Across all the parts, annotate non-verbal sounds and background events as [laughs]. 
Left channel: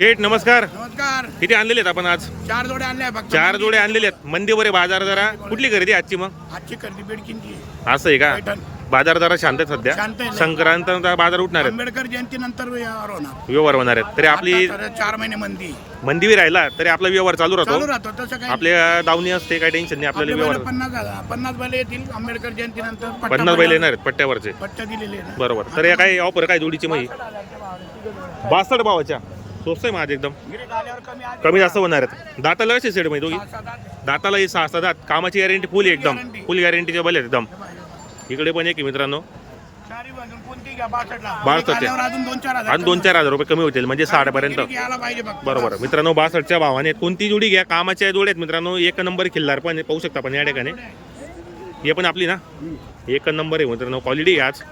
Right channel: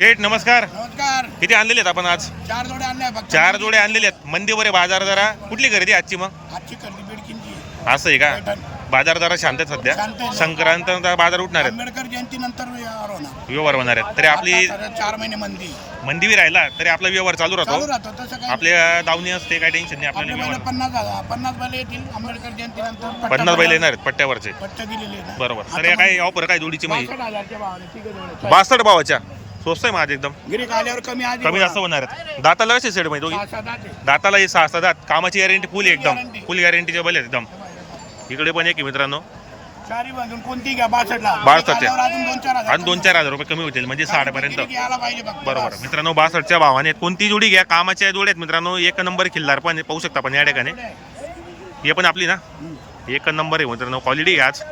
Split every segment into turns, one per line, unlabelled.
शेठ नमस्कार.
नमस्कार.
किती आणलेले आहेत आपण आज?
चार जोडे आणले फक्त.
चार जोडे आणलेले आहेत. मंदीवर आहे बाजार जरा. कुठली खरेदी आजची मग?
आजची खरेदी बेडकींची
असं आहे का?
पैठण.
बाजार जरा शांत आहे
शांत
सध्या
आहे.
संक्रांत बाजार उठणार आहेत.
आंबेडकर जयंती नंतर व्यवहार होणार.
व्यवहार होणार आहेत. तरी आपली
आता तर चार महिने मंदी.
मंदी बी राहिला तरी आपला व्यवहार चालू
चालू
राहतो.
राहतो तसं काय
आपल्या दावणी असते काही टेन्शन नाही.
आपले
आपल्याला
बैल
व्यवहार
पन्नास हजार पन्नास बैल येतील. आंबेडकर जयंती नंतर
पन्नास बैल येणार. आहेत पट्ट्यावरचे.
पट्टा दिलेले आहे ना.
बरोबर. तर या काय ऑफर काय जोडीची मग ही?
62,000 च्या भावाने तिघं जोड्या.
बासष्ट भावाच्या. स्वस्त आहे माझे एकदम.
आल्यावर कमी
जास्त होणार आहेत. दाताला कसे सेट माहिती दोघी?
आहे.
दाताला ही सहा सहा दात कामाची गॅरंटी फुल एकदम.
guarantee.
फुल गॅरंटीचे बैल आहेत एकदम. इकडे पण एक आहे मित्रांनो.
चारी बाजून कोणती घ्या? बासष्टला.
बासष्ट
गिऱ्हाईक आल्यावर अजून दोन चार हजार
आणि दोन चार हजार रुपये कमी होतील म्हणजे साठ पर्यंत
गिऱ्हाईक यायला पाहिजे फक्त.
बरोबर. मित्रांनो बासष्टच्या भावाने कोणती जोडी घ्या? कामाच्या जोडी आहेत मित्रांनो. एक नंबर खिल्लार पण आहे, पाहू शकता आपण या ठिकाणी. हे पण आपली ना? एक नंबर आहे मित्रांनो. क्वालिटी आज.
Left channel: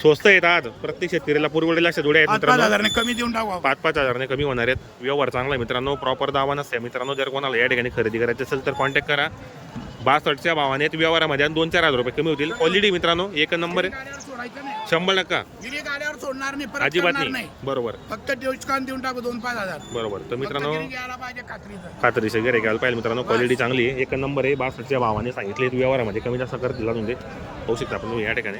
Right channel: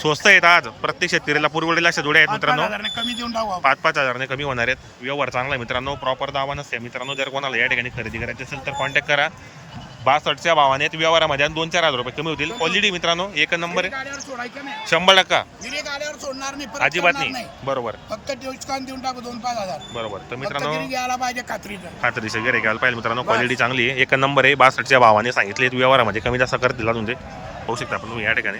स्वस्त आहेत आज. प्रत्येक शेतकऱ्याला पुरवडेला अशा जोड्या आहेत
पाच- पाच
मित्रांनो
कमी देऊन टाकू.
पाच पाच हजाराने कमी होणार आहेत. व्यवहार चांगला आहे मित्रांनो. प्रॉपर दावा नसते मित्रांनो जर कोणाला या ठिकाणी खरेदी करायची असेल तर कॉन्टॅक्ट करा. बासष्टच्या भावाने व्यवहारामध्ये दोन चार हजार रुपये कमी होतील. क्वालिटी मित्रांनो एक नंबर शंभर टक्का.
आल्यावर सोडणार नाही
अजिबात नाही. बरोबर.
फक्त डिस्काउंट देऊन टाकू दोन पाच हजार.
बरोबर. तर मित्रांनो
खात्रीचं.
गिरे घ्यायला पाहिजे मित्रांनो. क्वालिटी चांगली आहे. एक नंबर आहे. बासष्टच्या भावाने सांगितले व्यवहारामध्ये कमी जास्त करतील अजून ते होऊ शकता आपण या ठिकाणी.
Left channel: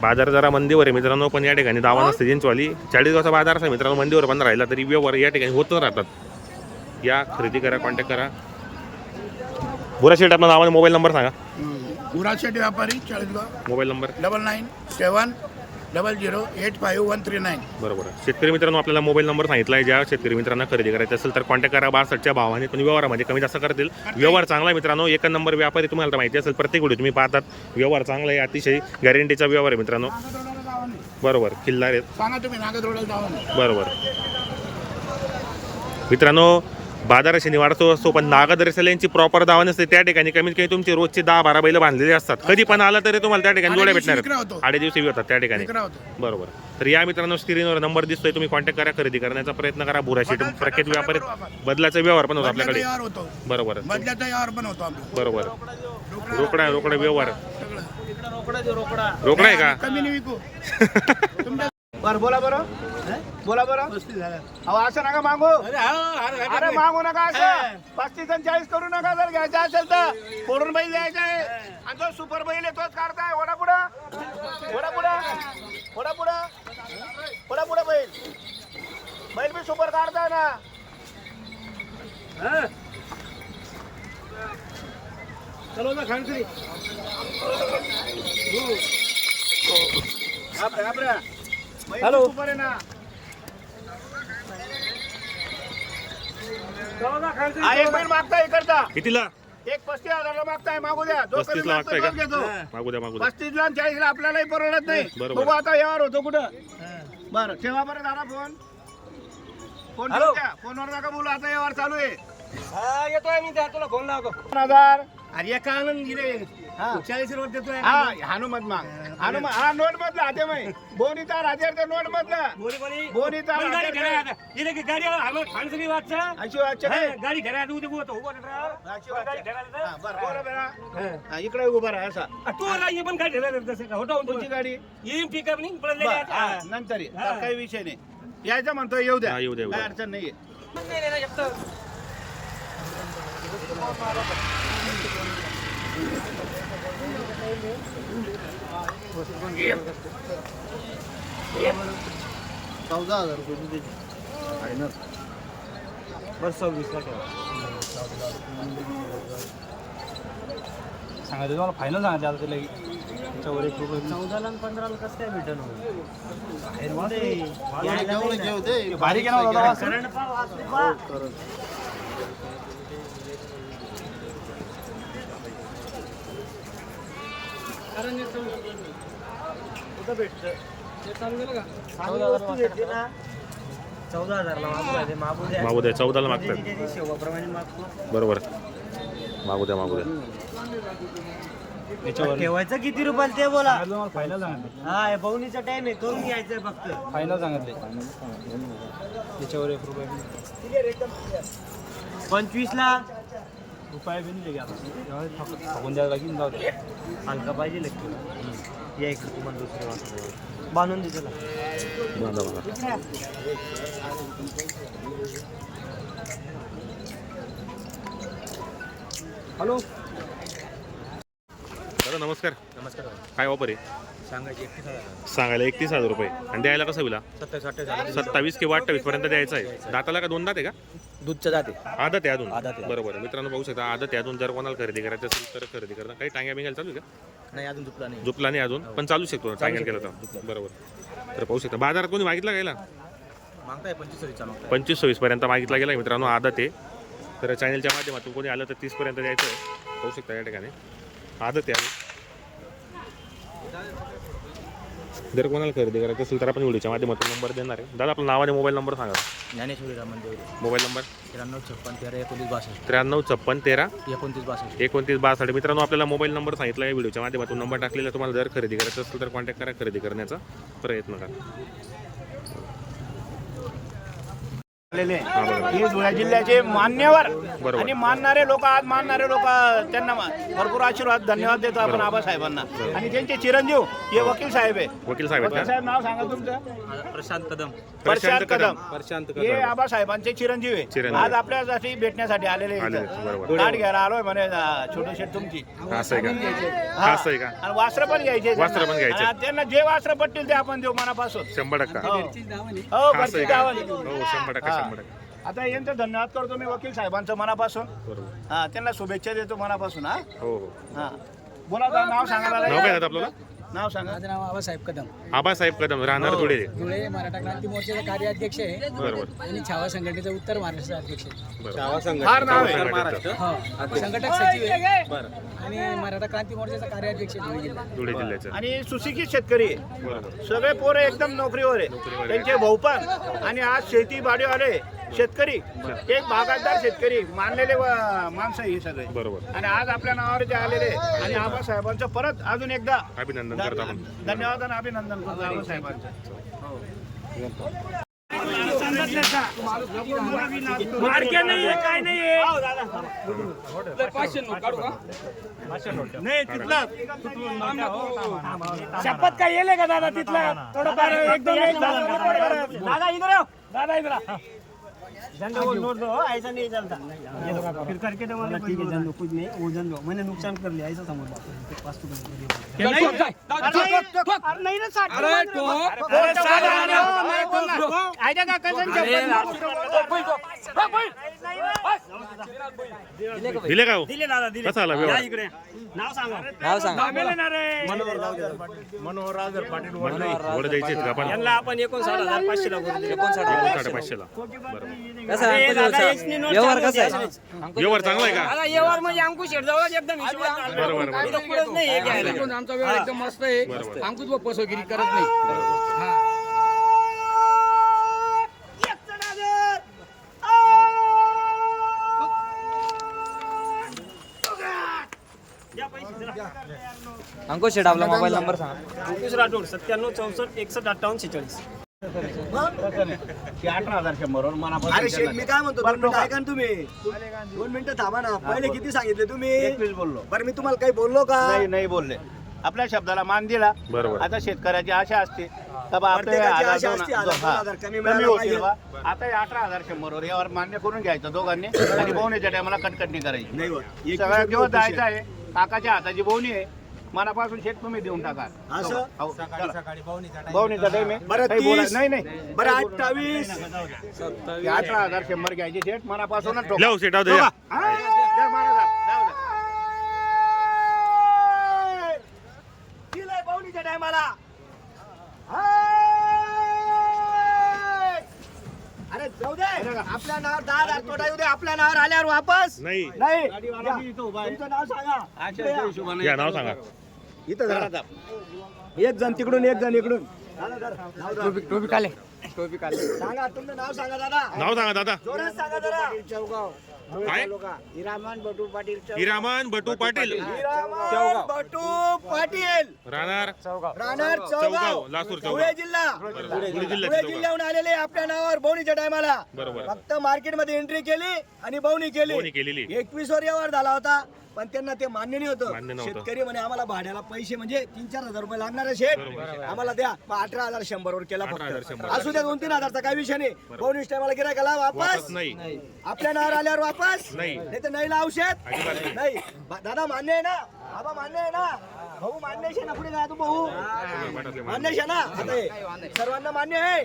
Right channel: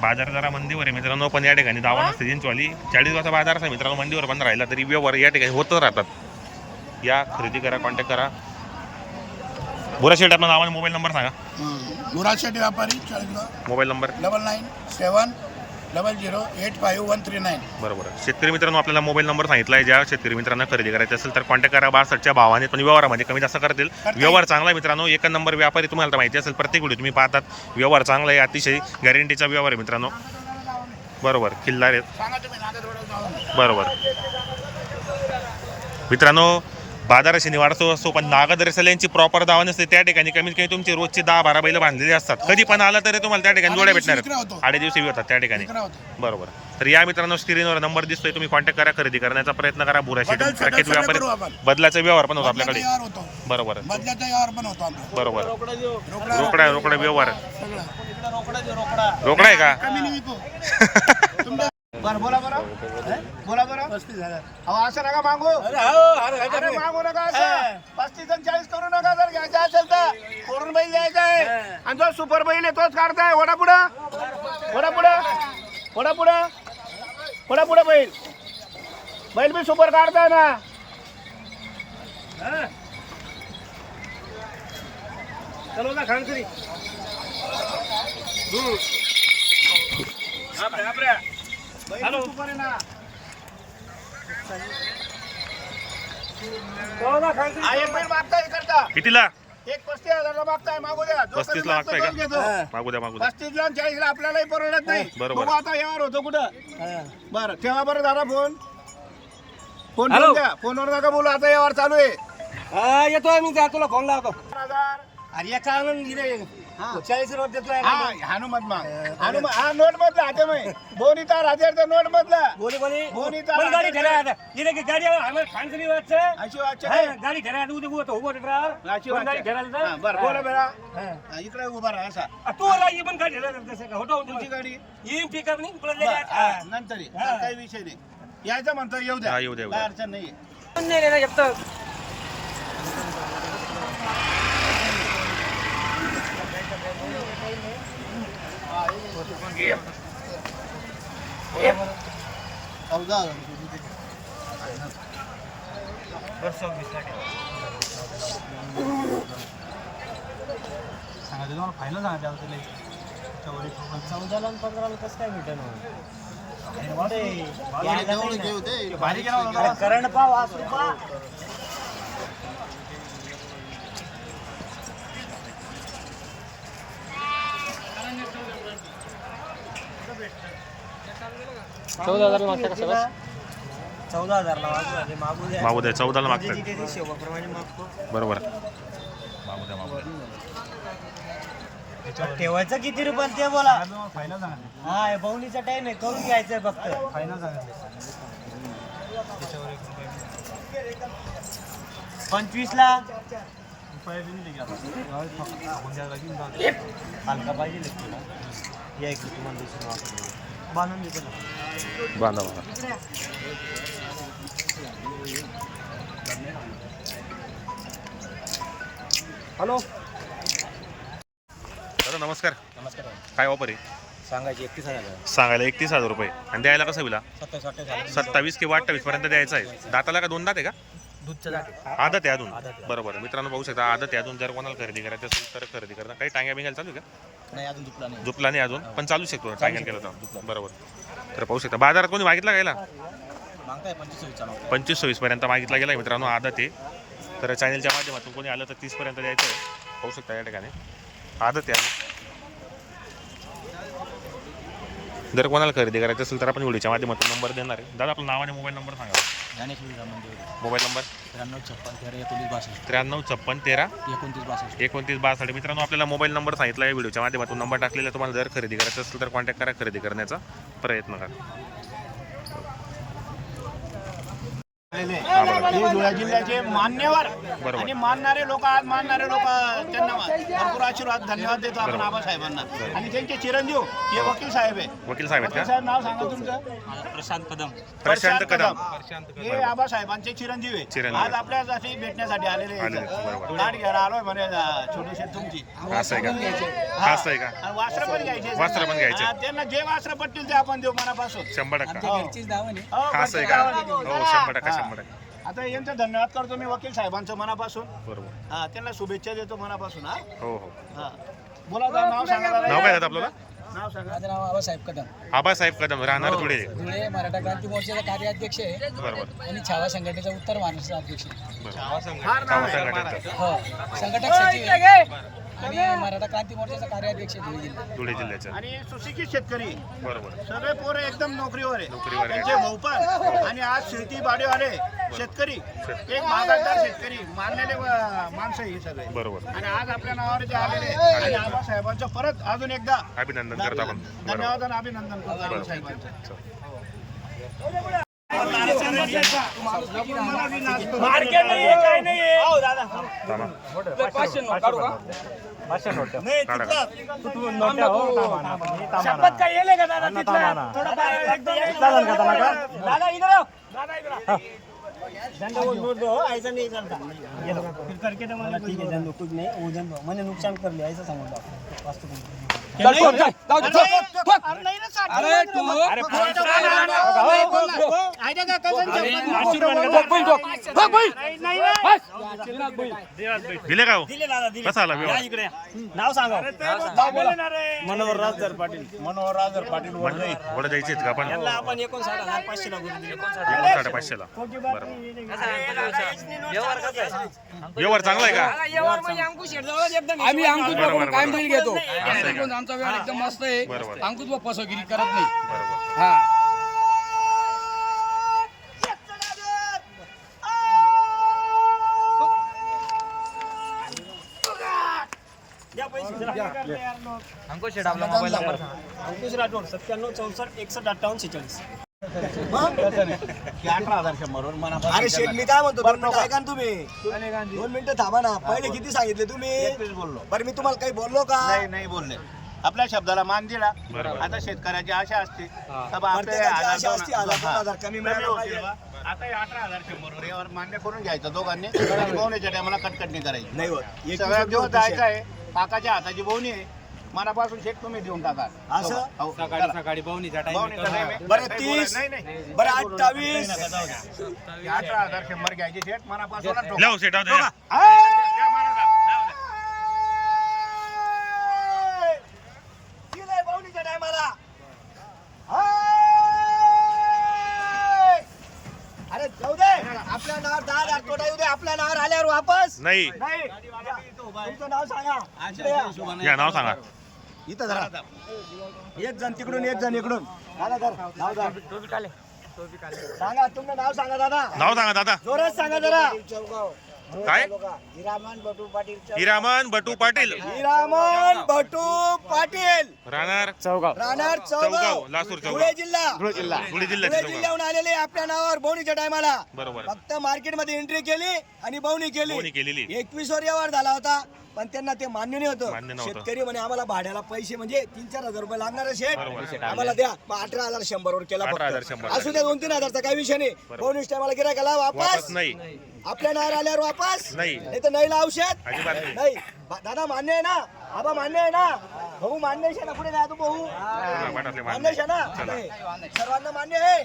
बाजार जरा मंदीवर आहे मित्रांनो पण या ठिकाणी दावा नसते. जिंचवाली चाळीस गावचा बाजार असा मित्रांनो मंदीवर पण राहिला तरी व्यवहार या ठिकाणी होतच राहतात. या खरेदी करा कॉन्टॅक्ट करा. बुरा शेट आपला नावाने मोबाईल नंबर सांगा.
गुराज शेट्टी व्यापारी Chalisgaon.
Mobile number.
Double nine seven double zero eight five one three nine.
बरोबर. शेतकरी मित्रांनो आपल्याला मोबाईल नंबर सांगितला आहे ज्या शेतकरी मित्रांना खरेदी करायची असेल तर कॉन्टॅक्ट करा. बासष्टच्या भावाने पण व्यवहारामध्ये कमी जास्त करतील. व्यवहार चांगला आहे मित्रांनो. एक नंबर व्यापारी तुम्हाला माहिती असेल प्रत्येक व्हिडिओ तुम्ही पाहतात. व्यवहार चांगला आहे अतिशय गॅरंटीचा व्यवहार आहे मित्रांनो. बरोबर. किल्लार आहेत. बरोबर. मित्रांनो बाजार शनिवारचा असतो पण नागदर्शल यांची प्रॉपर दावा नसते त्या ठिकाणी कमीत कमी तुमची रोजची दहा बारा बैल बांधलेले असतात. कधी पण आला तरी तुम्हाला त्या ठिकाणी जोड्या भेटणार आडे दिवशी होतात त्या ठिकाणी. बरोबर. तर या मित्रांनो स्क्रीनवर नंबर दिसतोय तुम्ही कॉन्टॅक्ट करा खरेदी करण्याचा प्रयत्न करा. बुरा शेट
बदल-
प्रख्यात व्यापारी. बदलाचा व्यवहार पण होतो आपल्याकडे.
व्यवहार होतो.
बरोबर.
बदल्याचा व्यवहार पण होतो आपला.
बरोबर.
रोकडा
रोकडा रोकडा व्यवहार.
सगळं.
रोकडा आहे का? [laughs]
बरं बोला बरं. बोला बरं. अहो असं नका मागू. अरे मागू नका असं. पस्तीस आणि चाळीस करू नका जर घ्यायचं असेल तर. फोडून बैल द्यायचा आहे. आणि जो सुपर बैल आहे तोच काढताय. वडा पुढं. वडा पुढं. वडा पुढं. वडा पुढं बैल. बैल बी सुपर काढताय ना. चलो ना खानसरी हॅलो सुपर हा, इकडचा.
कितीला?
एक पस्तीस हजारला मागताय मागू द्या.
35 ला
मागतो
मागताय का? मागू द्या मागू द्या.
पस्तीस ला चाळीस ला आपल्यालाही परवडत नाही.
बरोबर.
बघू आता व्यवहार होतो कुठं. बरं ठेवा बरं दादा फोन. फोन फोनवर नका बोलू आता व्यवहार चालू आहे.
येतोय मी तुला फोन लावतो.
दोन हजार.
अरे या कागद गिरे चाळीस रुपये देतोय
हा हनुमत माग हनुमत हा नोट मधला हाते मै बोनीता राजेर नोट मधला
बोली. बोली
बोनीता
गाडी आता इथे की गाडी आम्ही खानसरी वाटचं
अशी वाटचं नाही.
गाडी आता उद्या उभं उभं गाडी
हा? बरं बोला
हा.
हा, इकडे उभा राहा असा.
तू आला ही पण गाडी ठेरायला तसं का? होता
तुमची गाडी?
ही पिकअप नाही
नंतर. काही विषय नाही. यायचं म्हणतो येऊ द्या.
हा, येऊ द्या.
अडचण नाहीये. चौदा हजार रुपये
बस सव्वीस
सांगा तुम्हाला फायनल सांगा आता तुला त्याच्यावर एक रुपये
चौदाला आणि पंधराला कसं काय भेटन
बारीक ना दादा?
करंट पाव आज चौदा हजारला मागू राहिले मागू द्या.
मागू द्या चौदाला मागतात.
त्याची शेवाप्रमाणे मागतो.
बरोबर. मागू द्या मागू द्या.
ठेवायचं किती रुपयाला ते बोला. हा हे टाइम आहे करून घ्यायचंय फक्त. पंचवीस ला
रुपया भी द्यावं लागेल
हलका पाहिजे एक या इकडे तुम्हाला दुसरं बांधून
बांधा बांधा.
हॅलो.
दादा नमस्कार.
नमस्कार
काय वापर आहे?
सांगायचे एकतीस हजार
सांगायला एकतीस हजार रुपये. आणि द्यायला कसं विला?
सत्तावीस
सत्तावीस. किंवा अठ्ठावीस पर्यंत द्यायचं आहे. दाताला का दोन दात आहे का?
दूधच्या जाते.
आदत आहे अजून?
आदत आहे.
बरोबर मित्रांनो बघू शकता आदत आहे अजून. जर कोणाला खरेदी करायचं असेल तर खरेदी करा काही टांग्या बिंग्या चालू आहे का?
नाही अजून झुपला नाही.
झोपला नाही अजून पण चालू शकतो. टांग्या केलं तर. बरोबर. तर पाहू शकता बाजारात कोणी मागितला गेला
मागताय पंचवीस सव्वीसचा मागताय.
पंचवीस सव्वीस पर्यंत मागितला गेला मित्रांनो आदत आहे. तर चॅनलच्या माध्यमातून कोणी आलं तर तीस पर्यंत द्यायचं आहे. पाहू शकता या ठिकाणी. आदत आहे अजून. जर कोणाला खरेदी करायचं असेल तर आपण व्हिडिओच्या माध्यमातून नंबर देणार आहे. दादा आपलं नाव आणि मोबाईल नंबर सांगा.
ज्ञानेश्वरी रामन देवरे.
Mobile number?
त्र्याण्णव छप्पन तेरा एकोणतीस बासष्ट.
त्र्याण्णव छप्पन तेरा
एकोणतीस बासष्ट.
एकोणतीस बासष्ट. मित्रांनो आपल्याला मोबाईल नंबर सांगितला आहे व्हिडिओच्या माध्यमातून. नंबर टाकलेला तुम्हाला जर खरेदी करायचं असेल तर कॉन्टॅक्ट करा खरेदी करण्याचा प्रयत्न करा. हा बघा
हे धुळे जिल्ह्याचे मान्यवर
बरोबर.
आणि मानणारे लोक आज मानणारे लोक त्यांना भरपूर आशीर्वाद धन्यवाद देतो आपण
बरोबर.
आबासाहेबांना. आणि त्यांचे चिरंजीव हे वकील साहेब आहे.
वकील साहेब आहेत
वकील
का
साहेब नाव सांगा तुमचं?
प्रशांत कदम.
प्रशांत कदम.
हे आबासाहेबांचे चिरंजीव आहे.
चिरंजीव.
आज आपल्यासाठी भेटण्यासाठी आलेले.
आहेत, बरोबर.
गाठ घ्यायला आलोय म्हणे छोटे शेट तुमची.
असं आहे का? हा असं आहे का?
आणि वस्त्र पण घ्यायचे.
वस्त्र पण घ्यायचे.
हा, त्यांना जे वस्त्र पडतील ते आपण देऊ मनापासून.
शंभर टक्का.
हो. हो,
हा असं आहे का?
गावाली.
हो शंभर टक्का
हा.
शंभर टक्का
आता यांचा धन्यवाद करतो मी वकील साहेबांचं मनापासून.
बरोबर.
हा त्यांना शुभेच्छा देतो मनापासून हा.
हो हो.
हा. बोला दादा, नाव सांगा दादा.
नाव काय दादा आपल्याला?
नाव सांगा.
माझं नाव आबासाहेब कदम.
आबासाहेब कदम राहणार धुळे.
धुळे मराठा क्रांती मोर्चाचा कार्याध्यक्ष आहे.
बरोबर.
आणि छावा संघटनेचा उत्तर महाराष्ट्र अध्यक्ष आहे.
बरोबर.
फार नाव आहे.
संघटनेचं.
हो संघटक सचिव आहे. मराठा क्रांती मोर्चाचा कार्याध्यक्ष आहे धुळे जिल्हा
धुळे जिल्ह्याचं.
आणि सुशिक्षित शेतकरी आहे.
बरोबर.
सगळे पोरे एकदम नोकरीवर आहे
नोकरीवर आहे.
त्यांचे भाऊ पण आणि आज शेती वाले शेतकरी एक बागायतदार शेतकरी मानलेले व- माणसं ही सगळे.
बरोबर.
आणि आज आपल्या नावावर जे आलेले आणि आबासाहेबांचं परत अजून एकदा
अभिनंदन करतो आपण. बरोबर
धन्यवाद आणि अभिनंदन करतो आबासाहेबांचं. मार्केट नाही आहे काय नाही आहे दादा
थांबा.
नाही
काढा.
शपथ काय येले का दादा तिथल्या थोडं एकदम एक दादा इधर दादा इधर आओ नोट दो ऐसा नहीं चलता. ये लो, फिर करके तो मैंने कुछ बोला
कुछ नहीं वजन दो मैंने नुकसान कर लिया ऐसा समझ लो पास तो
अरे अरे नाही ना साठ. अरे खोटं बोला. ऐका का, कसं शपथ
दिले का हो?
दिले दादा दिले।
कसा आला व्यवहार?
इकडे नाव सांगा नाव बोला मनोहर राजर पाटील। मनोहर राजर पाटील
वड का आपण?
यांना आपण एकोणसाठ हजार पाचशे ला करून दिले
एकोण साडेपाचशेला बरोबर.
व्यवहार कसा आहे.
व्यवहार चांगला आहे का?
व्यवहार म्हणजे अंकुश शेटजवळ एकदम हिशोबात
बरोबर
काय
बरोबर.
बिल घेतो.
असं आहे. का
आमचा व्यवहार एकदम मस्त आहे.
बरोबर.
अंकुश व फसवगिरी करत नाही.
बरोबर.
अंकुश शेट आपला मोबाईल नंबर सांगा
अंकुश राठोड सत्त्याण्णव चौसष्ट एकसष्ट अठ्ठावन्न शेचाळीस अठरा हजार शंभर मनापासून
अरे शेठ मी काय म्हणतो दोन मिनिटं ऐका ना तुम्ही. दोन मिनिटं थांबा ना. पहिले किती सांगितले तुम्ही?
बोललो.
बरं मी तुम्हाला काही बोललो का?
नाही नाही बोलले. आपल्या शब्दाला मान दिला.
बरोबर.
आता शेतकऱ्याची आशा असते. बा
प्रत्येकाची
हे
आशा असते, हजार दोन
हा.
हजार कमी
कमी
मिळायला
होतील
पाहिजे.
बा. आता हे अठरा हजार शंभर वर यावर मान्य करून घ्यायचं दोघांनी. आणि [coughs] बोवण्याच्या टायमाला कटकटणी करायची.
नाही होत. रुपये
जेव्हा
होते
जायचं. आहे? काकाच्या हाताची बोवणी आहे. मनापासून शेत तुम्ही देऊन टाका
असं?
हो, चला. बोवणीचा time आहे.
बरं,
काही बोलायचं-
तीस.
नाही नाही
बरं, अठ्ठावीस.
हे अठरा हजार शंभर घ्यायचे शेट मनापासूनच ठोका.
लाव सेट द्या
हा, द्या महाराज, जाऊ द्या.
दिलंय पाहुणीच्या टायमाला आपल्या नावावर दहा हजार तोटा येऊ दे आपल्या नावावर आल्यावर वापस.
नाही.
नाही. तुमचं नाव सांगा. इकडे या.
या नाव सांगा.
इथं जरा. एक जण तिकडून एक जण इकडून. दादा धर, नाव धर. सांगा तुमचं नाव सांगा दादा.
नाव सांगा दादा.
जोरात सांगा जरा.
काय?
हिरामन बटू पाटील
हिरामन बटू पाटील.
हिरामन भटू पाटील.
राहणार?
राहणार
चौगाव,
चौगाव
लासूर चौगाव.
धुळे जिल्हा.
धुळे चौगाव.
जिल्ह्याहून आलेले आपल्या नावावर बोवणीच्या टायमाला.
बरोबर.
फक्त मार्केटमध्ये एंट्री केली आणि बोवणी
कोणी
केली
केलेली.
एकवीस वर व्यवहार झाला होता. पण त्यांना ते मान्य नाही होतं.
नव्हतं.
शेतकरी म्हणे आम्हाला भाड्याला पैसे म्हणजे तीन चार हजार रुपये लागणार
बरोबर.
आम्हाला द्या. मग अठरा हजार शंभर वर केला
18,100
फक्त. असू द्या दोन तीन हजारचा काही विषय नाही. बोनस टायमाला गिरायकाला वापस.
वापस नाही.
आपल्या नावावर आल्यावर वापस.
नाही.
नाही तर नाही औषध
अजिबात नाही.
नाही. बा- दादा मान्य आहे ना? आबा मान्य आहे ना? भाऊ मान्य आहे ना पुढे जा तू भाऊ
चला, वाटातले
मान्य.
मान्य
आहे ना
चला.
अरे, सर्वांना मान्य आहे.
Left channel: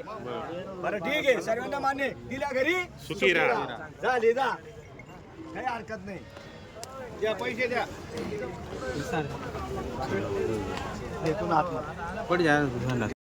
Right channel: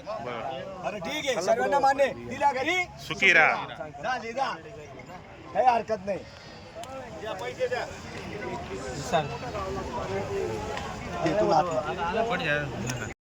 बरं ठीक आहे. सर्वांना मान्य आहे. दिल्या घरी.
सुखी राहा.
झाली जा. काही हरकत नाही. तुला आतमध्ये.